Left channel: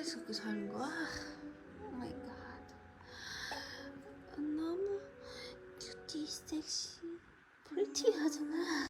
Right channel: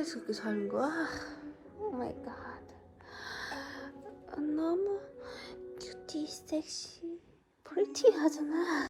어디서 그렇게 자는 거야? 오 마이 갓. 너무 큐티, 섹시, 프리티하잖아.